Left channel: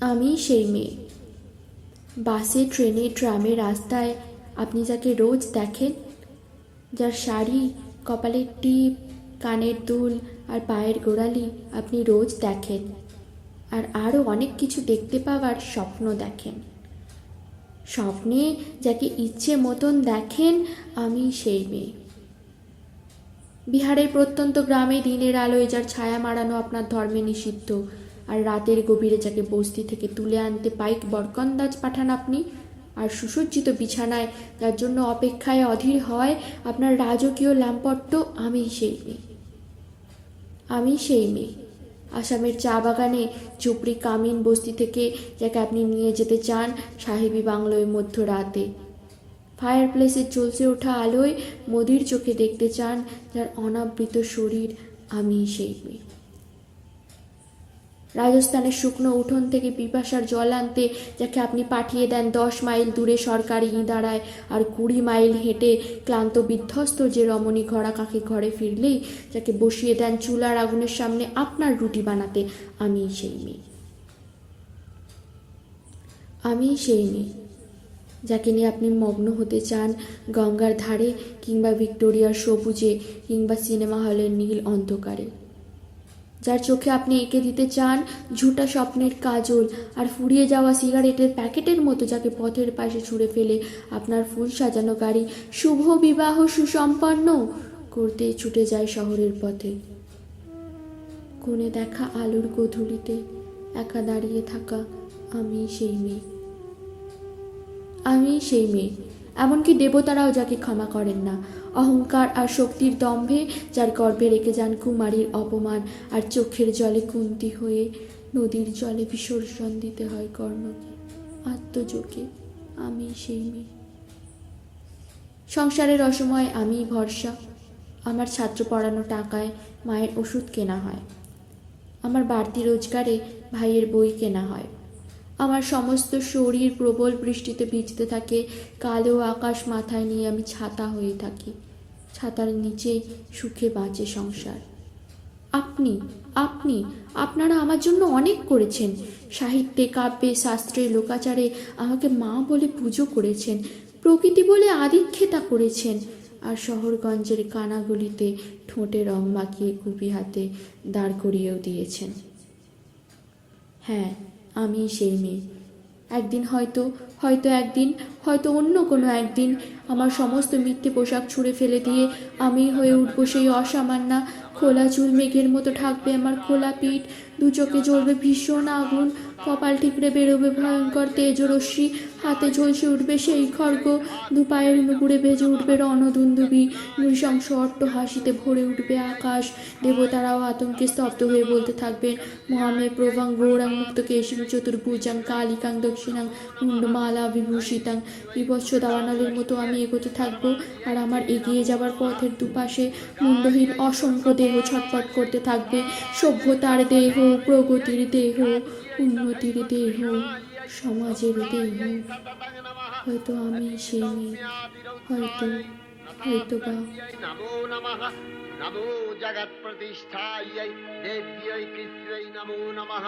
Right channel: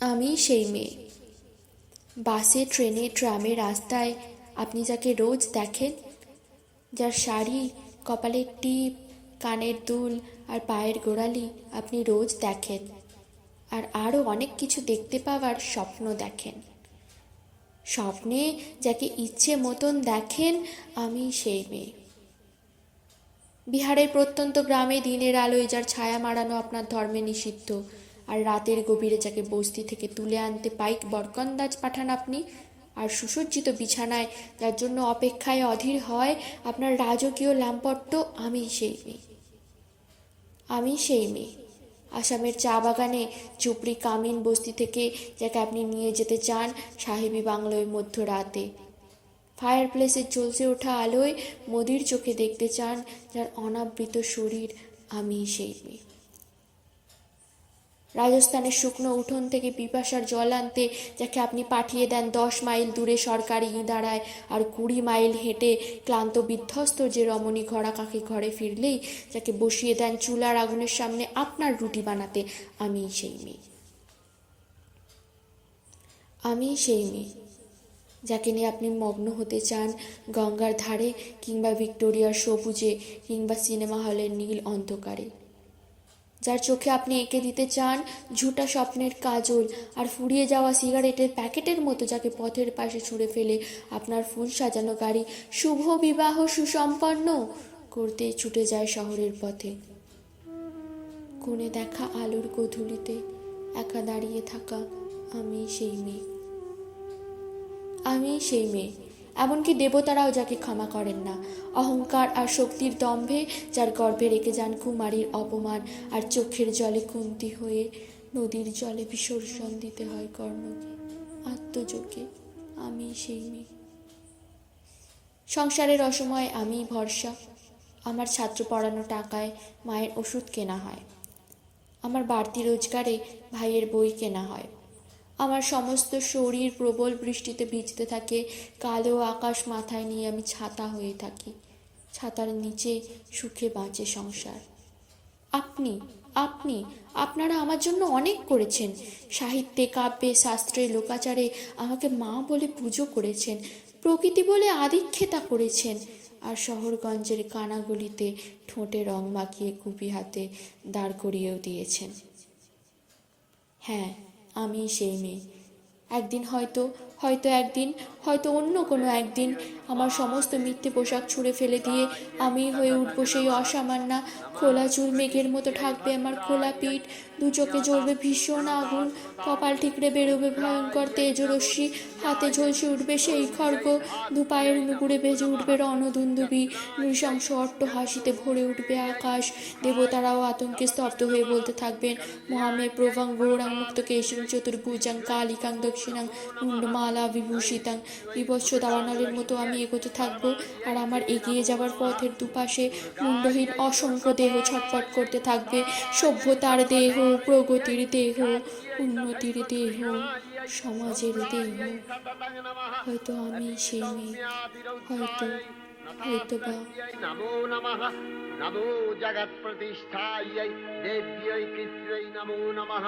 আমি সেই মেয়ে। বাসে, ট্রেনে, ট্রামে, রাস্তায় আপনি যাকে রোজ দেখেন, যার শাড়ি, কপালের টিপ, কানের দুল আর পায়ের গোড়ালি আপনি রোজ দেখেন, আর আরও অনেক কিছু দেখতে পাওয়ার স্বপ্ন দেখেন। স্বপ্নে যাকে ইচ্ছে মতন দেখেন, আমি সেই মেয়ে। বিহারের প্রত্যন্ত গ্রামে দিনের আলোয় যার ছায়া মারানো আপনার ধর্মে নিষিদ্ধ, আর রাতের গভীরে যাকে বস্তি থেকে তুলে আনতে পাইক বরকন্দাজ পাঠান আপনি, আর সুসজ্জিত বিছানায় যার জন্য অপেক্ষায় অধীর হয় আপনার রাজকীয় লামপট্ট, আমি সেই মেয়ে। আমি সেই মেয়ে। আসামের চা বাগানে চুপড়ি কামিন বস্তি থেকে যাকে আপনি নিয়ে যেতে চান সাহেবী বাংলোয় মধ্যরাতে। ফায়ার প্লেসের জ্বলছে ওঠা আলোয় মোদির চোখে দেখতে চান যার অনাবৃত শরীর, আমি সেই মেয়ে। রাজস্থানের শুকনো উঠোন থেকে পিপাসার জল আনতে যাকে আপনি পাঠিয়ে দেন 10 মাইল দূরে সরকারি ইঁদারায়, আর 20 মাইল হেঁটে ক্লান্ত বিধ্বস্ত যে রমণী ঘোড়া কাকে ঘরে ফিরলেই যাকে বসিয়ে দেন চুলার আগুনের সামনে আপনার রুটি বানাতে, আমি সেই মেয়ে। আমি সেই মেয়ে যাকে নিয়ে আপনি মগ্ন হতে চান গঙ্গার ধারে, কিংবা ভিক্টোরিয়ার সবুজে, কিংবা সিনেমা হলের নীল অন্ধকারে। যার চোখে আপনি এঁকে দিতে চান ঝুটা স্বপ্নের কাজল, আর ফুরিয়ে যাওয়া সিগারেটের প্যাকেটের মতো যাকে পথের পাশে ছুঁড়ে ফেলে আপনার ফুল সাজানো গাড়ি শুভ বিবাহ সুসম্পন্ন করতে ছুটে যায় শহরের পথে। কোণে দেখা আলোর গধূলিতে একা দাঁড়িয়ে থাকা, আমি সেই মেয়ে। আমি সেই মেয়ে। এমনকি দেবতারাও যাকে ক্ষমা করেন না, অহংকার আর শক্তির দম্ভে যার গর্ভে রেখে যান কুমারীর অপমান, আর চোখের জলে কুন্তি হয়ে নদীর জলে বিসর্জন দিতে হয় কর্ণকে আত্মযোগে, আমি সেই মেয়ে। সংসারের অসময়ে আমি ভরসা। আমার ছাত্র পড়ানো টাকায় মায়ের ওষুধ কেনা হয়, আমার বাড়তি রোজগারে ভাইয়ের বই কেনা হয়। আমার সমস্ত শরীর প্রবল বৃষ্টিতে ভিজতে থাকে, কালো আকাশ মাথায় নিয়ে আমি ছাতা হয়ে থাকি। ছাতার নিচে সুখে বাঁচে সংসার। আপনি আপনি আপনারা আমার জন্য অনেক করেছেন। সাহিত্যে, কাব্যে, শাস্ত্রে, লোকাচারে আমাকে মা বলে পুজো করেছেন, প্রকৃতি বলে আদিক্ষেতা করেছেন, আর শহরগঞ্জের কানাগলিতে ঠোঁটে রং মাখিয়ে কুপি হাতে দাঁড় করিয়েও দিয়েছেন। হ্যাঁ, আমি সেই মেয়ে। একদিন হয়তো একদিন হয়তো অন্য কোনো একদিন আমার সমস্ত মিথ্যে পোশাক ছুঁড়ে ফেলে দিয়ে আমি হয়ে উঠবো সেই অসামান্যা। খোলা চুল মেঘের মতো ঢাকবে আমার খোলা পিঠ, দু চোখে জ্বলবে ভীষণ আগুন, কপাল ঠিকরে বেরোবে ভয়ঙ্কর তেজরশ্মি, হাতে ঝলসে উঠবে সেই খড়গ, দু পায়ের নুপুরে বেজে উঠবে রণদুন্দুবি, নৃশংস অট্ট হাসিতে ভরে উঠবে আকাশ। দেবতারাও আতঙ্কে স্তব্ধ হয়ে বলতে থাকবেন, মহামে প্রভাং গৌরাং মুক্ত কেশিং চতুর্ভুজাং কালিকাং দক্ষিণাং মুন্ডমালা বিভূষিতাং। বিভৎস দাবানলের মতো আমি এগোতে থাকবো, আর আমার এগিয়ে যাওয়ার পথের দুপাশে মুন্ডহীন অসংখ্য দেহ ছটফট করতে থাকবে। সভ্যতার দেহ, প্রগতির দেহ, উন্নতির দেহ, সমাজের দেহ। হয়তো আমি সেই মেয়ে, হয়তো হয়তো বা। নমো নমঃ। নমো জগৎ প্রতিষ্ঠায় দেব্যৈ কৃত্यै নমো নমঃ।